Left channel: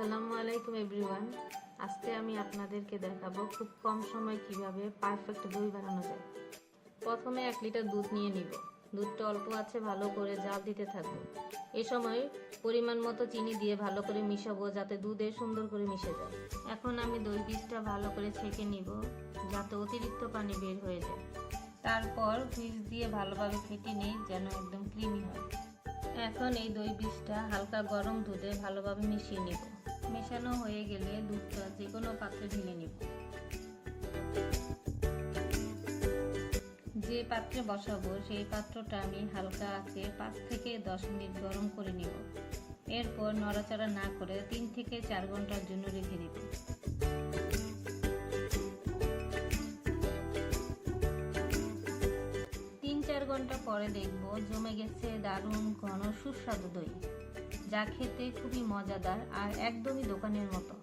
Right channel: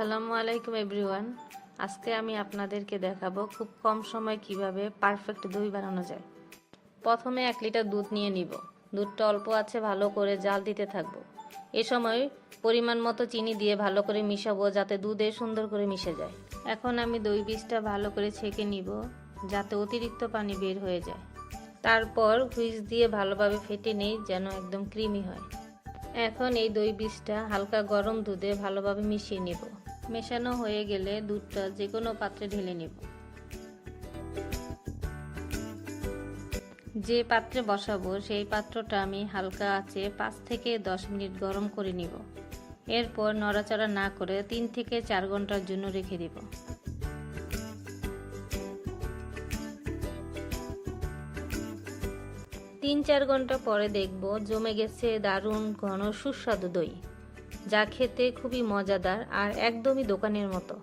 আসসালামু আলাইকুম এভরিওয়ান। আজকে আমি আপনাদেরকে দেখাবো খুব কম সময় কিভাবে পারফেক্ট দই বানানো যায়। প্রথমে 1 লিটার দুধ নিয়ে নিব। দুধটা অল্প আছে, ভালো করে জাল দিতে থাকবো। এ সময় পরিমাণ মতো চিনি দিয়ে ভালো করে মিশাবো যাতে দুধে সুন্দর করে মিশে যায়। এখন আমি দই বীজটা ভালো করে ছেঁকে নিব যাতে অতিরিক্ত পানি বের হয়ে যায়। তারপর হুইস দিয়ে ভালোভাবে ফেটে নেই যেন একদম ক্রিমি হয়। এখন এই দই বীজটা হালকা গরম দুধে ভালোভাবে মিশিয়ে নেব। মেশানো হয়ে গেলে দুধটা যে কোনো পাত্রে ঢেলে নেব। যে পাত্রে বসাবো সেই পাত্রটা আমি হালকা আঁচে 5 থেকে 10 মিনিট গরম করে নিব। এরপর নড়াচড়া না করে 3 থেকে 4 ঘন্টার জন্য রেখে দেব। 3-4 ঘন্টা পরে দেখব জমে গেছে দারুণ ঘন সুস্বাদু দই, যা খেতে খুবই মজাদার আর একদমই দোকানের মতো।